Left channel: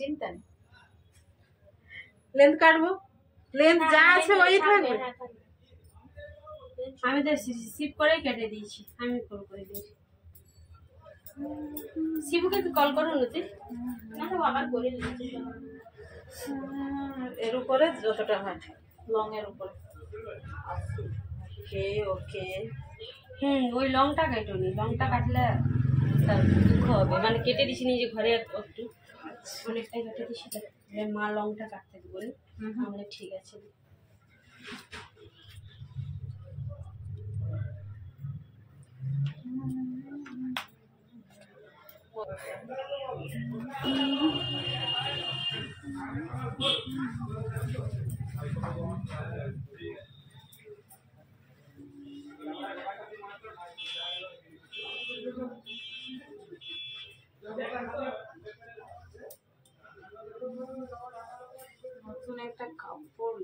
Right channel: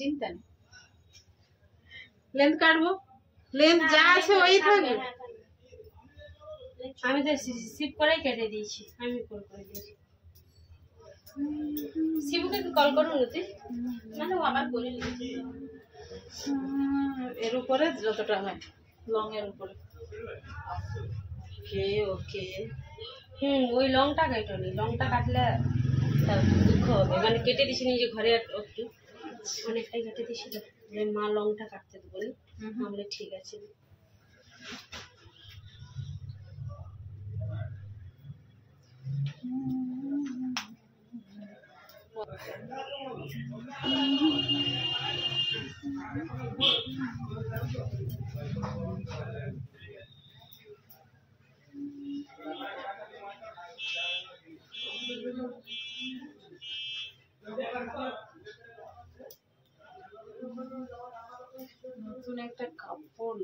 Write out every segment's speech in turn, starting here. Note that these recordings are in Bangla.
চিন্তা নেই, লেন্থ কাটবো, লেন্থ যা আছে ওই থাকবে। আমি তো সিপ করেই কেটে দিয়েছি, আমি করে দিয়েছি। শিবুকে কল করুন তুই, না তো আবার বলে এর উপরে যতটা হয় লং এর উপরে। ওকে ওকে, ওই লংটা কেটো নি, লংটা কাটলে তার দুঃখ হবে। মানে কেটে দিছি নিজে ঘরে একটু অনেকটাই কেটে দিছি, মা লংটা কাটতে দেবো না, তাহলে ঠিক আছে। নতুন একটা কাপড়,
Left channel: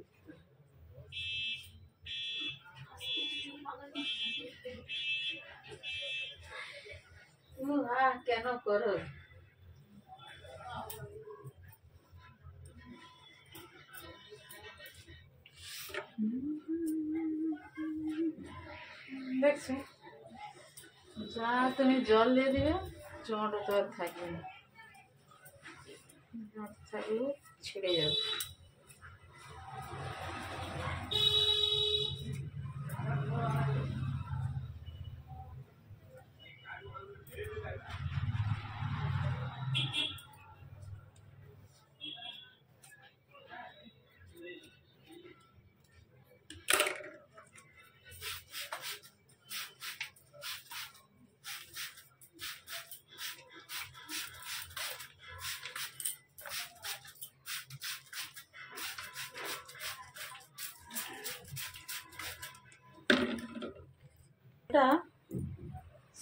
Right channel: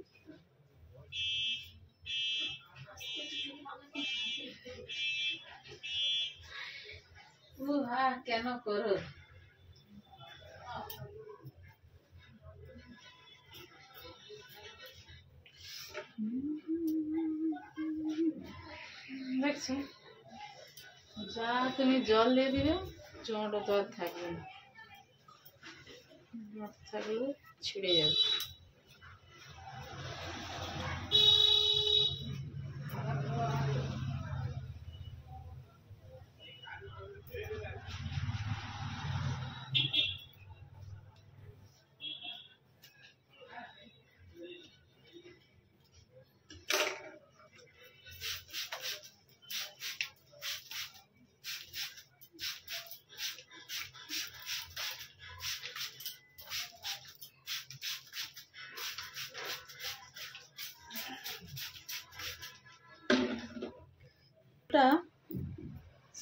কেন করো? দেখছো, যা তুমি জল দিয়ে দিবে চট তো আর থাকবে না, জট থাকলেও ছিঁড়ে যাবে।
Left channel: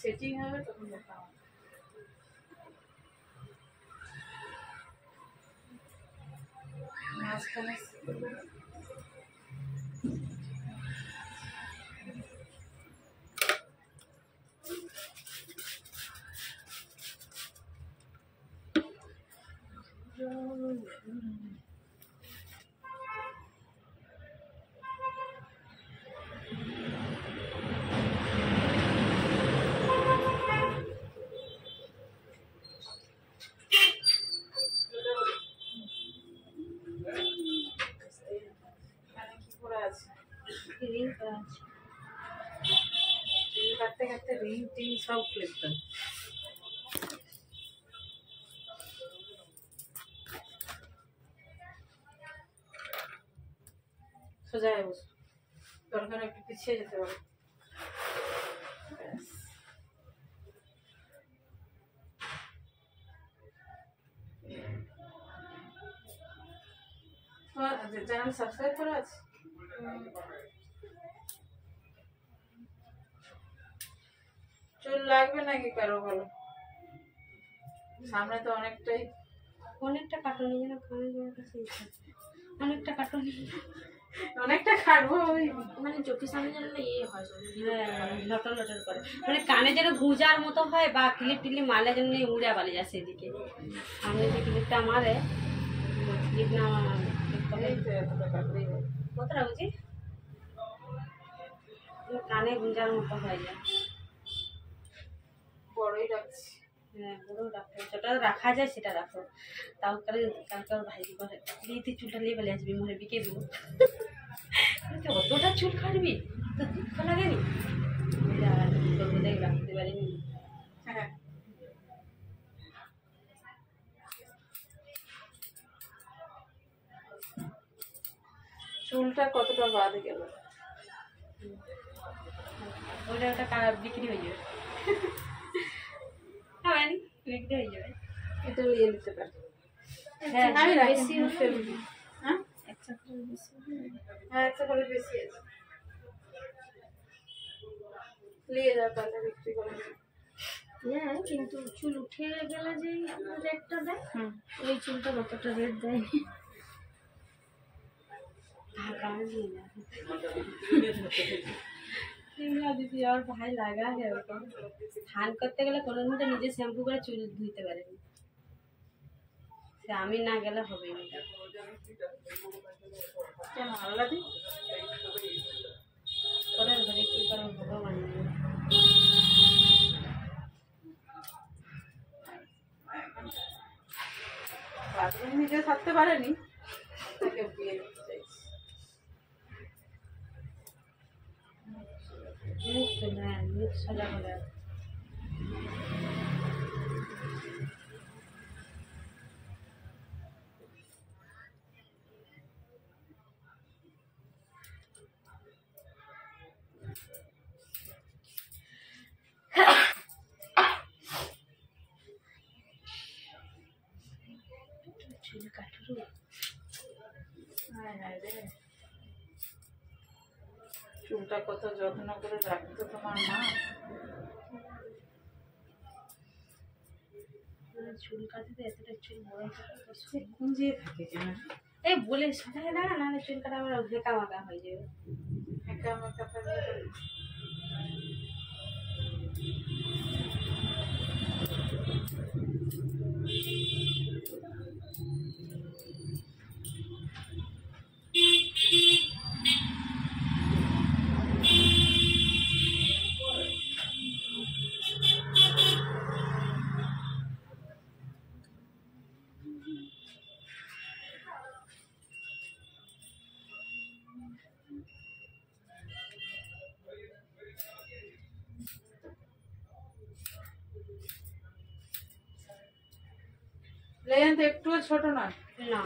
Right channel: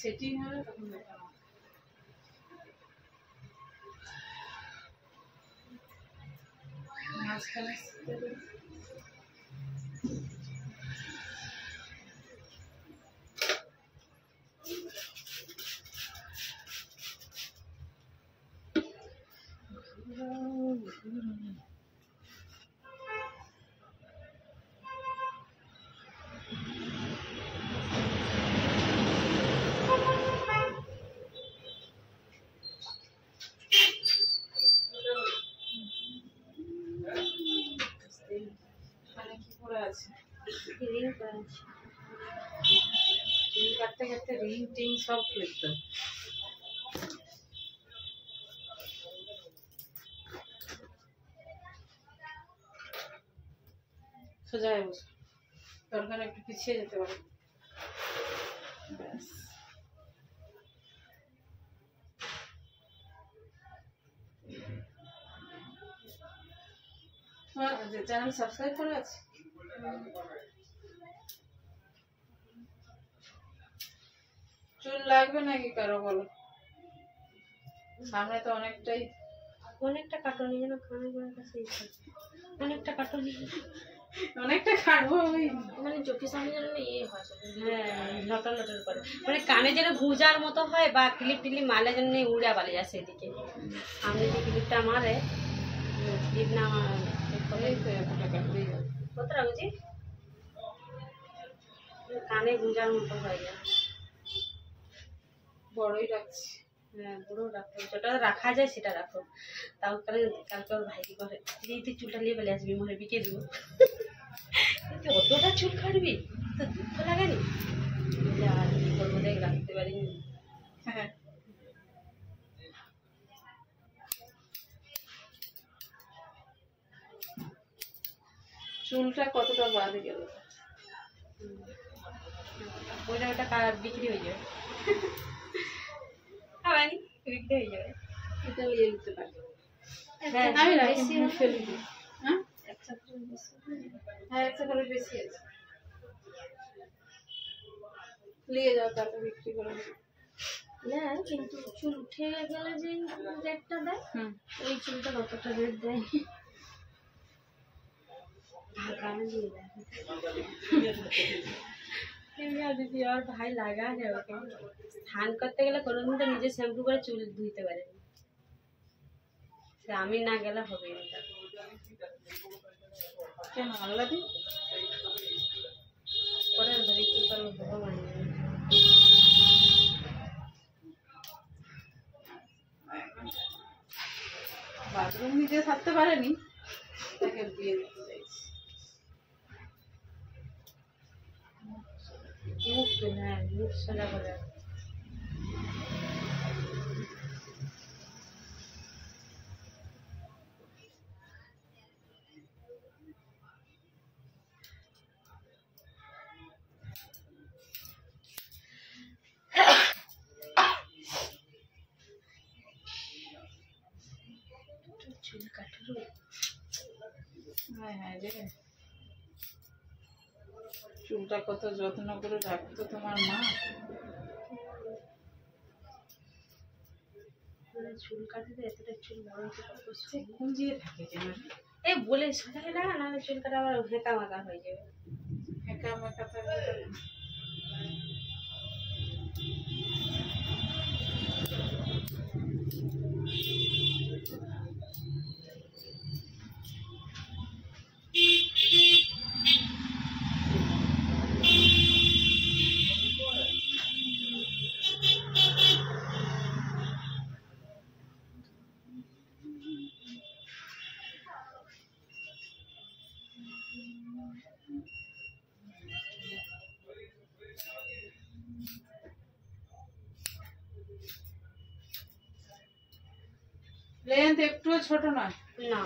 সেটিং হবে তখন দেখা হবে। মাঝখানে কাটতে কাটতে রিং টিং সব ফেলতে সোজা হয়ে বসো, দরকার একটু পিছিয়ে যেতে পারে। ব্যাস, তোমার চ্যানেল সাবস্ক্রাইব করা আছে? চুল লাগবে নাকি কারো বলো? সামনে তো অনেকটা কাটুনি, যেন কানে গোড়ার কাছে অনেকটা কাটুনি, অনেকটা কাটবো, ওই মানে চোখের সামনে যেন ইয়ে হয়, লটর লটর করে, মানে কানে যেন গুঁজার মতো হয়, বা ক্লিপ টিলিপ মারলে যেন উড়া পালিয়ে যায় সেদিকে। আমি যে ক্লিপটা মারে, ক্লিপ না এতটা কাটলেই হবে। কতটা বুঝি কানে গুঁজার মতো হয়ে যায়। বড়ই রাখছি, হ্যাঁ বড় রাখো, যেটা রাখা যায় সেটা রাখো। তাও কালকে ওর ভাই করে তুই চুলটা নিয়ে বলে আসবি, মনে বিকে দেবো। অতটা চুল কাটবি তো দুঃখ লাগেনি, আর কি করবো, দেখ রাখতে পারিনি। হ্যাঁ চুলটা কতটা বাদ গেল, ওটা বিক্রি হয়ে যাবে, বিক্রি হয়ে যাবে। এটা নিয়ে নিতে পারি। হ্যাঁ আমি বেশি ফেলে দিই। হ্যাঁ একটা করে বেশি আছে, নিয়ে যাও তাহলে বিক্রি করে। হ্যাঁ কিন্তু চুল উঠে গেলে যে রেটটা দেয়, ওই চুলটা কতটা রেট দেয়। और भाई लगा है স্নান করতে গেলে কোনোদিন তো নিজে শ্যাম্পু করে চুল ধুইতে পারেনি, সে আমি না গেলে হবে না। কেন আল্লাদি পরের ঘরে কি করবো ভগবান জানে। বাথরুম নিজে থাকতে পারেনি, তাকে বিয়ে দিতে চাইছি। মুখ তুলে, হ্যাঁ মুখ সোজা করে। চুল কাটলো। হায় হায় রে, চুলটা কত যত্ন করে রাখতো তোমার মা। চুল কাটতে এতটা চুল বড় হতে কত সে খুঁজিয়ে থাকে কেন? এই বলে সাজায় না, নাহলে চুল কাটা আবার হেঁকা মাকা হয়ে যাবে। একা মেকা থাকলে লেন্থ একটুও ছোট নয়। না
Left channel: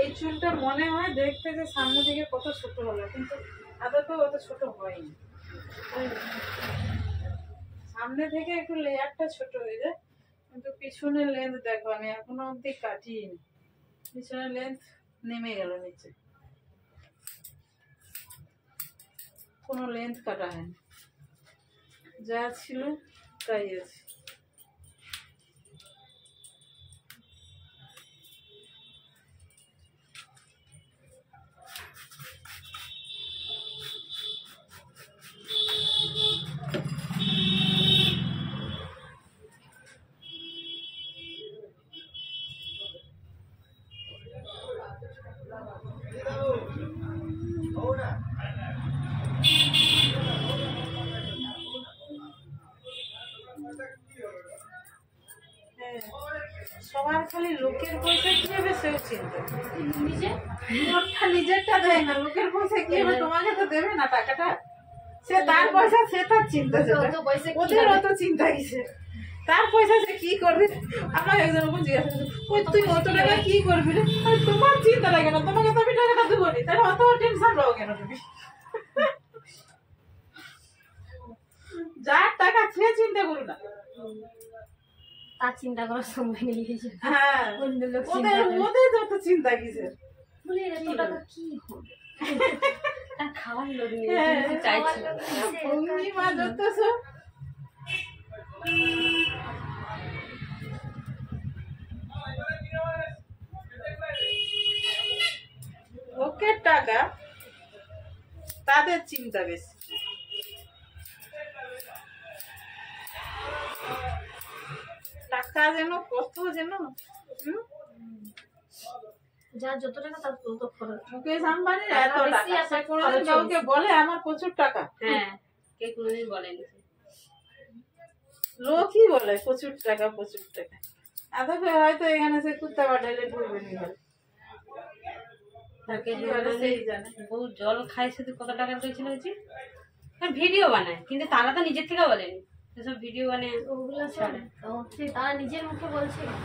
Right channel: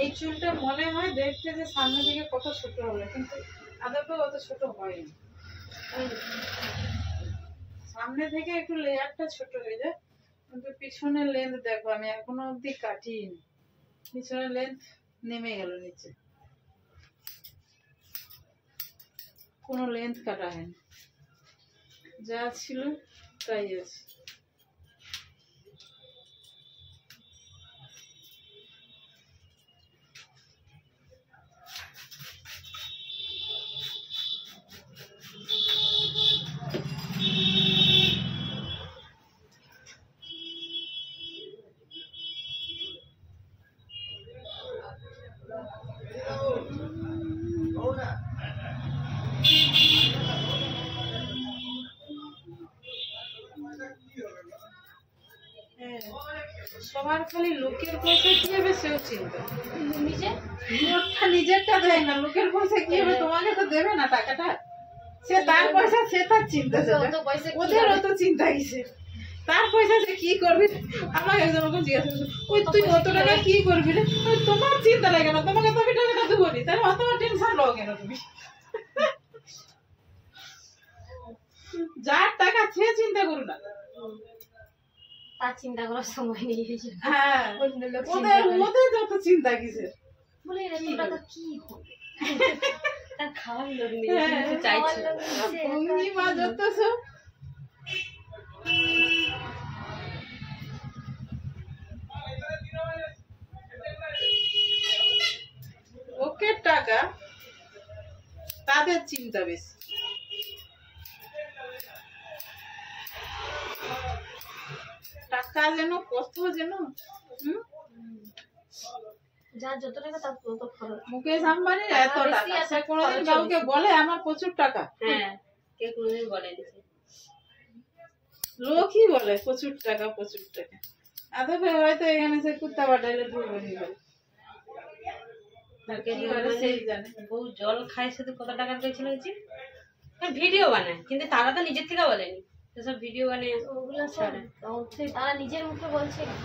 এই চুলটা মনে হয় দেখতে যে সামনে থেকে কত ছোট হলো, কিন্তু আদতে অত ছোট হয়নি। সামনে থেকে একটু লেয়ারটা ছোট হয়ে যায়, কিন্তু পিছনের লেন্থ দেখো আমি এখনো অব্দি কাটিনি। পিছনের লেন্থ নেমে গেল নিচে, কোনো লেন্থ কাটা হয়নি, যা ছিল তাই আছে। সবার খালি লোকের পয়সা কি হবে সেও চিন্তা, নিজে ওরটা নিজেরটা দেয় না, লোকের পয়সা কি হবে, তোমাকে তো দেবে না টাকাটা, সে তার পয়সা সে তার চিন্তা, অত পয়সা কি ওদের হবে? অত চিন্তা কিসে, তার পয়সা সে কি করবে। আমার একজন ওরকম জিজ্ঞাসা করছে, ওই তুই অত টাকা কি করবি রে? আরে তোমার চিন্তা লাগে না, তোমাকে তো আমি টাকাটা দেবো নি, তাহলে অত টেনশন নাও কেন তুমি? যার টাকা সে চিন্তা করো না। তার চিন্তা করার সময় নেই। হ্যাঁ, অন্য লোক ওদের ওদের যত চিন্তা কিসের। বলে এত টাকা কি হবে, তার খাওয়ার লোক নেই, হ্যাঁ, কিন্তু চাইছে। ভঙ্গি মা যত সব ওকে টাকা, তাদের চিন্তা বেশি। টাকা যেন কত যেন যার যত টাকা তার তত খরচ। মুকেশ আম্বানির টাকা এত বেশি টাকা, আর সে তার কোনোদিন খরচও কাউকে বেশি। বলে আমার প্রচুর টাকা? হ্যাঁ, কে কোনোদিন বলেনি। লোকই বলে প্রচুর টাকা প্রচুর টাকা, আদৌ হয়তো এখানে সে কুত্তা বাটাইলে ঢুকবে নি বলে। আর কি বলে সেই জানে। বউ জল খায় শুধু কত টাকা করেছিল হচ্ছে ভিডিও বানায়, কিন্তু তারা তো নিজের থেকে বলেনি, সেসব ভিডিও বানিয়ে ওগুলো সব হচ্ছে তারা নিজের মুখে বলছে না,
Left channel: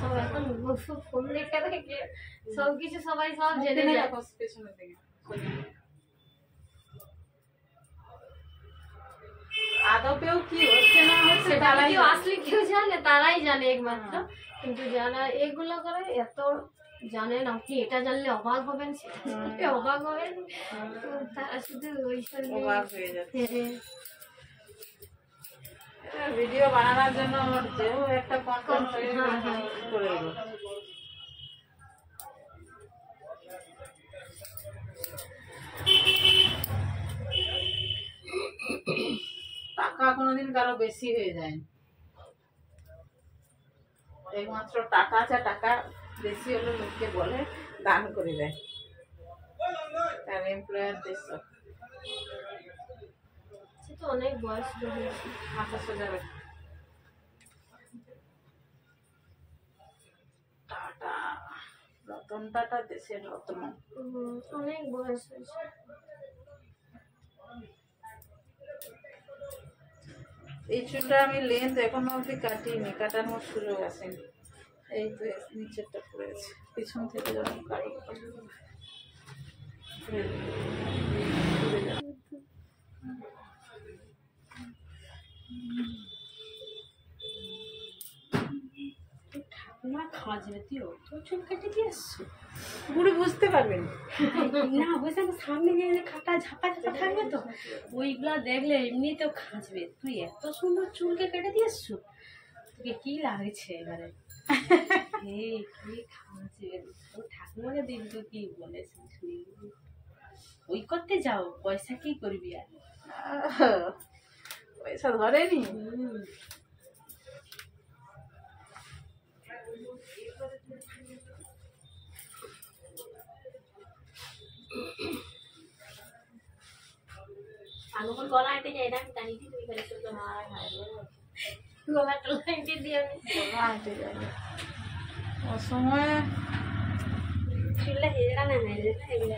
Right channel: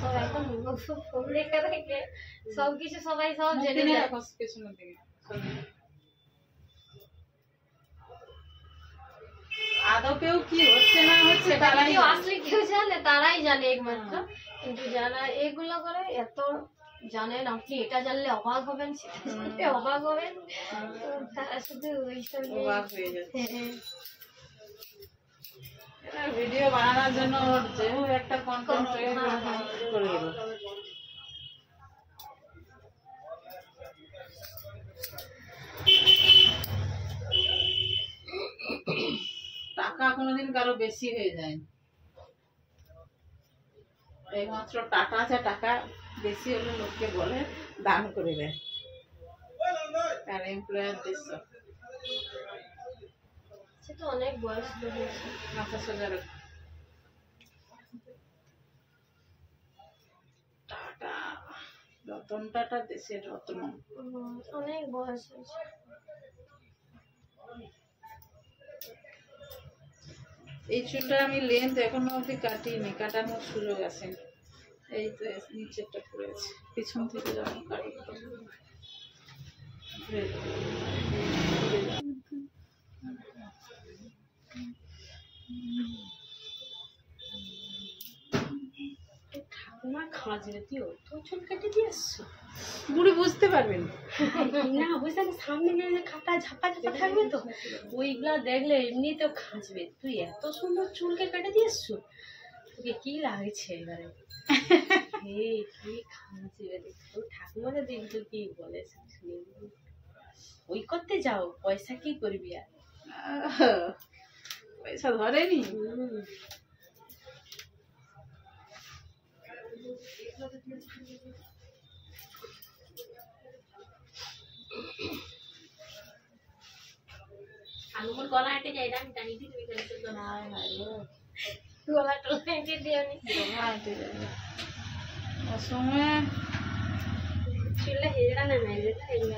সব এখন ফোন দেখে দেখে সবকিছু সবাই সব জেনে যায়। দেখো পেছনের দিকে আদৌ কেউ কি হচ্ছে না হচ্ছে সেটা তারাই কেউ আসলে কেউ জানে, তারাই জানে একমাত্র। কিন্তু যারা এগুলো করে এত জানেন, আপনি এটা জানলে অবাক হবেন, সেটা জানলে অবাক হবেন, তো তারা শুধু ওই অবাক হয়ে যাচ্ছে। ভিডিও বানানোর জন্য ওর যেও একটা কন্টেন্ট করে দেবো। টাকা কোনোদিন কারো বেশি হয়ে যায়, এইমাত্র টাকা আছে, টাকা বেশি হলে লোককে বলে দান করে দেয়, আর এমপ্লয়ারদের সব সে তো অনেক বয়স হয়েছে। মাথা সোজা রাখে। টাটা, রতন টাটা দেশের রত্ন। অনেক বয়স হয়েছে। এই চুলটা আমি লেন্থ এখনো অব্দি কাটিনি, কাটানোর সুযোগ আসেনি। এই তো নিচেরটা পড়েছে, পিছন থেকে যখন কাটবো ঠাকুমা খাঁজবে, তুই অত চুল কেটে দিয়ে আসছো, বুড়ি বুঝতে পারবেন না বুঝতে সামনে যে খাটা ঝাপা ঝাপা থাকবে তো ওইগুলা দেখলে এমনিতেও খাঁজবে, তুই এত সুন্দর চুলকে কেটে দিয়ে আসছো, তোকে কি লাগছে এবারে? এই কি খাঁজবে, তোর ঠাকুমাকে দেখছো কি বলে শুনি, ওই করতে যাও, পয়সা কি করবি আর? পয়সা ধরেনি। আঙুল গলা হেঁটে যায়, এটা আমি টানি দিই, তুমি গেলে তো গলা টলা হেঁটে দিয়ে আমি অসময়ে চুলটা হেজড়া না মেরে এগুলো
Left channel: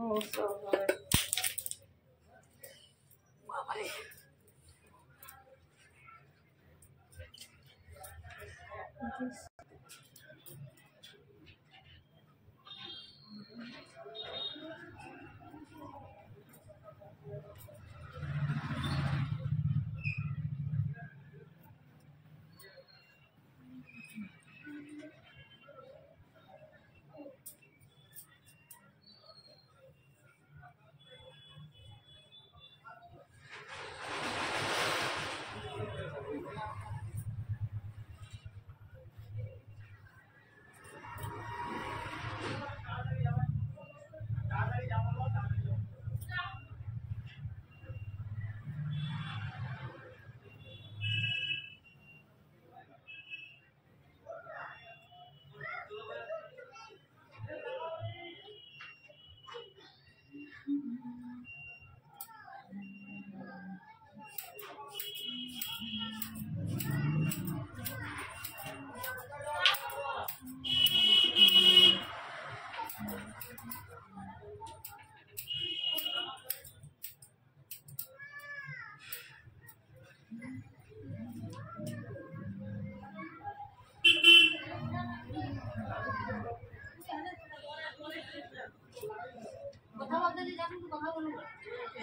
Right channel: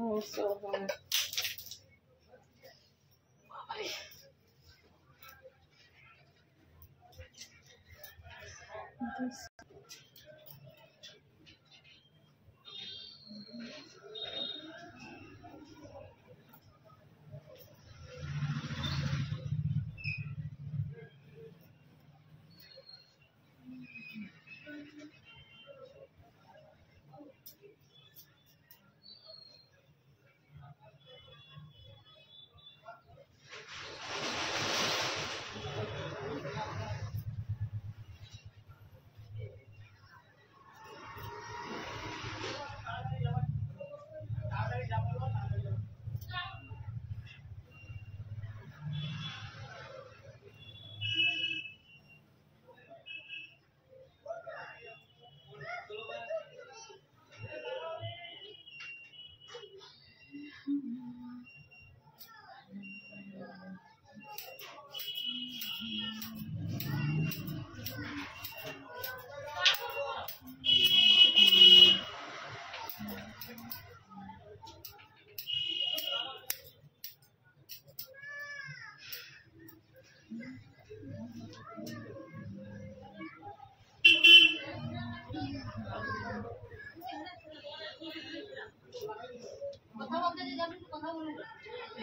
ও সব হবে। বাবারে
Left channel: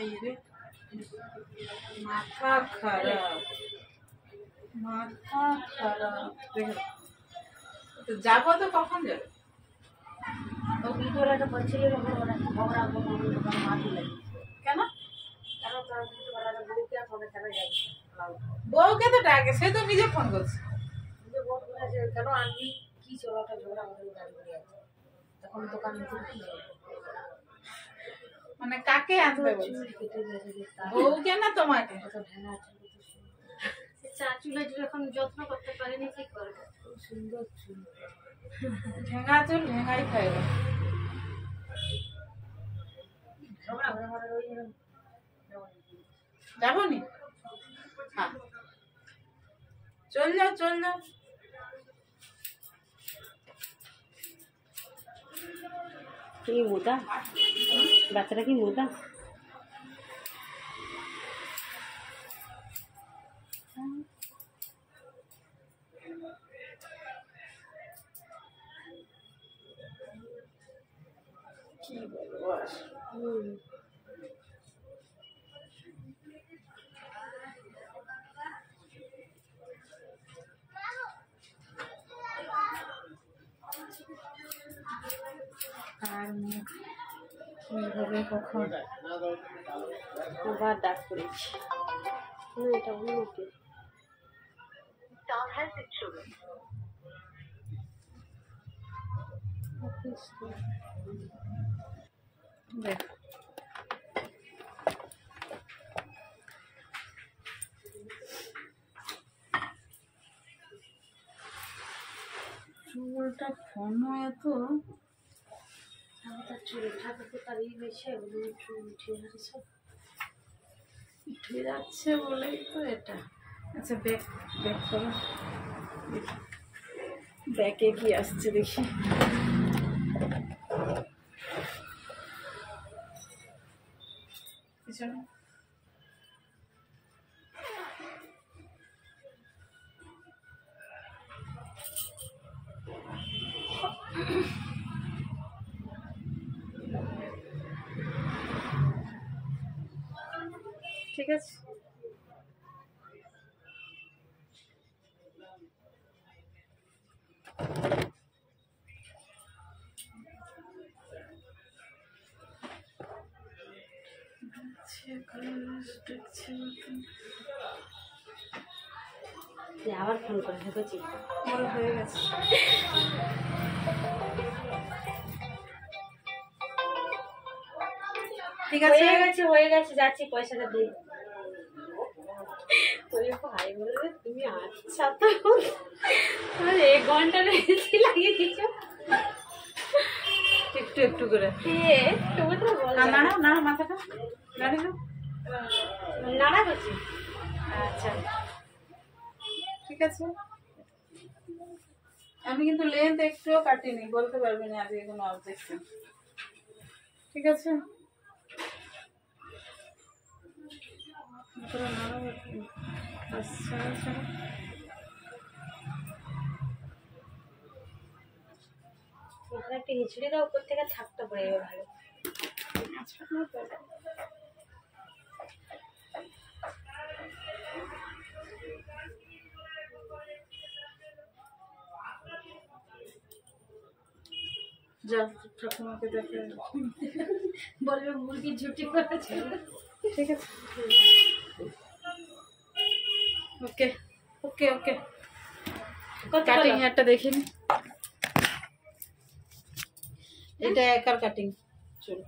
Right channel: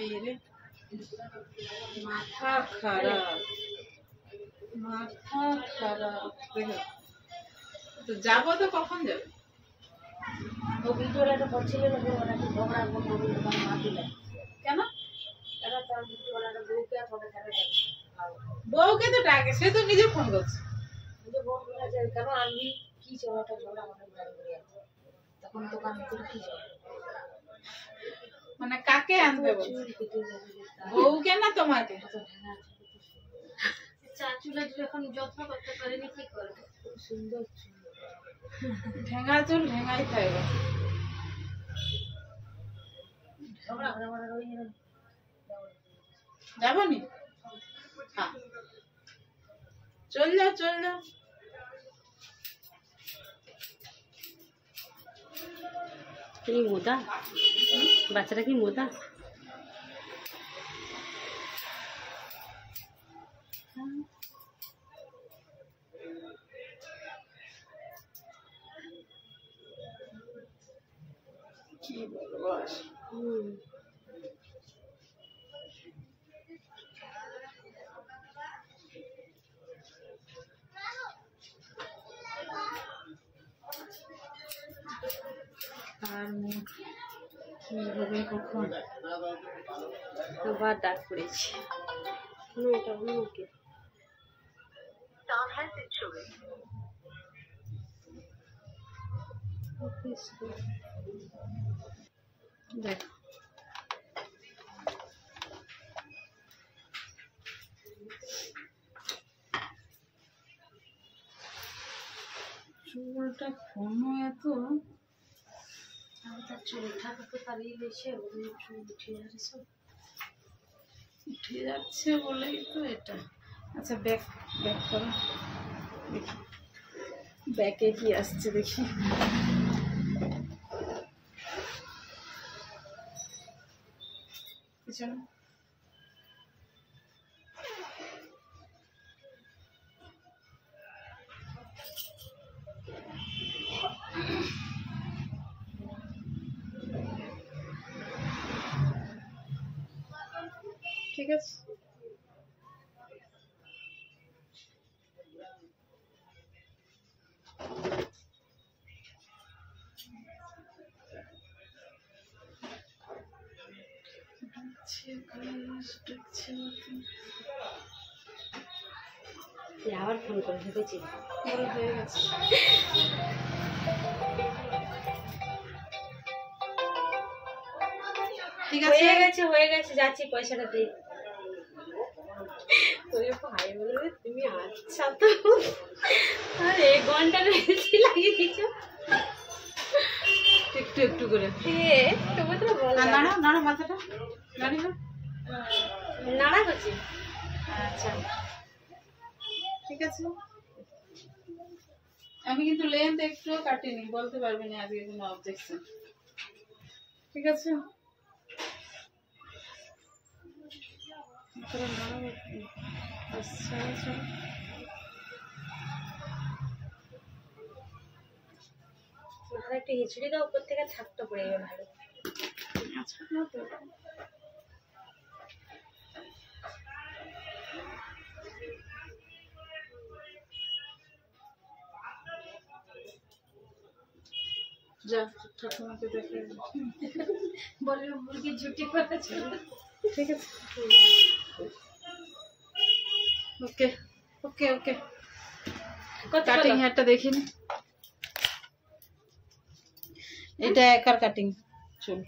এই রে মাথা খারাপ, মাথা খারাপ। তো যাবো তো কখন যাবে? ও ভিডিওটা একটা বলছিল না, ঝগড়া দোকান মা দিলে কেন? কেন তার ভিডিওটা বউকে আর হবে কেন যাবে, বউকে তো ডাকে, সে তো নিজে ফোন করছে। যে বউ বলেছে কেন আনবি, কি চলাটা ঝগড়া আমাদের গাড়ি করে আছে, তখন দোকান ভিতরে কি যাবে, মানে কাকে আনবে বলছে? চুল কেটে দিয়েছে বউকে না তোমাকে? কত ঢেলা চুল, চা চুলের এখন যত্ন করতে পারেনি, কি করবে, খুব সুন্দর চুল, ঢেঙ্গা চুল ঢেঙ্গাই খাইবে। ঝগড়া করে আমাদের ওই যাবো নি? হ্যাঁ চল যাও চল যাও। কি মোদা, বাচ্চাটা কি মোদা? কি বলবো আর। আর মুখ কি হবে কখন। আবার ডাক পড়েছি। না এটা অন্য কে। দেখ চুলটা ঘন এত, তার চুল ঠাকুর তো তাড়িয়ে গেছে, চুল উঠে যাচ্ছে সব। উঠে যাচ্ছে বলেই তো এটা। আচ্ছা ব্যাক ব্যাক করো, দেখি ব্যাকে কি আসছে দেখি। পিছনে ঠিক আছে। আবার ফোন করে ঢুকেছি। বড় হয়ে গেছে। ঠিক আছে হয়ে গেছে যাচ্ছি, পয়সাটা দিই। ওরে ভাই বলে তুমি আচ্ছা তো, আর 1 ঘন্টা বেশি লাগিয়ে দিচ্ছ। একটু একটু করে তবু তো বল নাড়া নাড়া মাথাটা নাড়ি না। নাড়া করছি। আচ্ছা ঠিক আছে। আমি কিন্তু লেন্থ একটুও কাটিনি, বলতে পারবি না আজকে কোনো অবজেকশন। ঠিক আছে তোরা নাড়াবো। আচ্ছা আচ্ছা মাথা একটু হিচড়ে দাও, উপর থেকে থাকটা পড়ে যাবে ভালো। আচ্ছা না তো যা ঠাকুমাকে দেখে বলবে মুরগির ঝুটি করেছে। ঠিক আছে ওকে ওকে ওকে। কাটিং হেয়ারটা দেখিনি, এটা একার কাটিং চুল।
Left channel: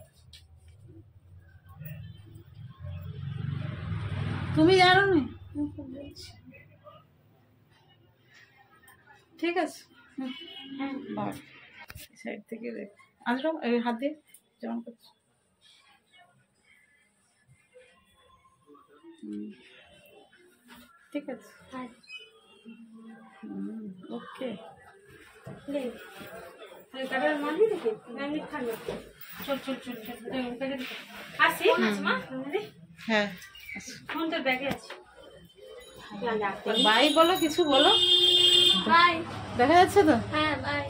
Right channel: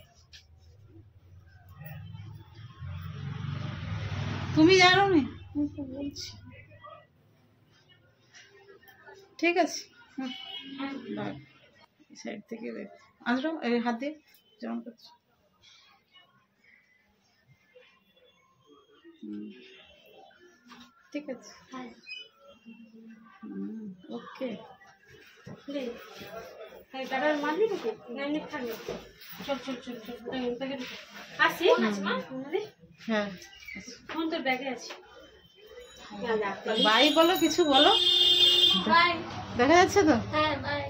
তুমি জানো না, আমি তো বলছি। ঠিক আছে বাই। সাইড থেকে দেখ আসো, এই হাত দিয়ে যেমন করছো। ঠিক আছে ওকে। কাটার মারবি নাকি? না এমনি থাকবে। চল চল চল চল, আসি মা। হ্যাঁ ফোন তোর ব্যাগে আছে। বাই বলো, কিছু বলো। বাই। দেখা যাচ্ছে তো? হ্যাঁ বাই।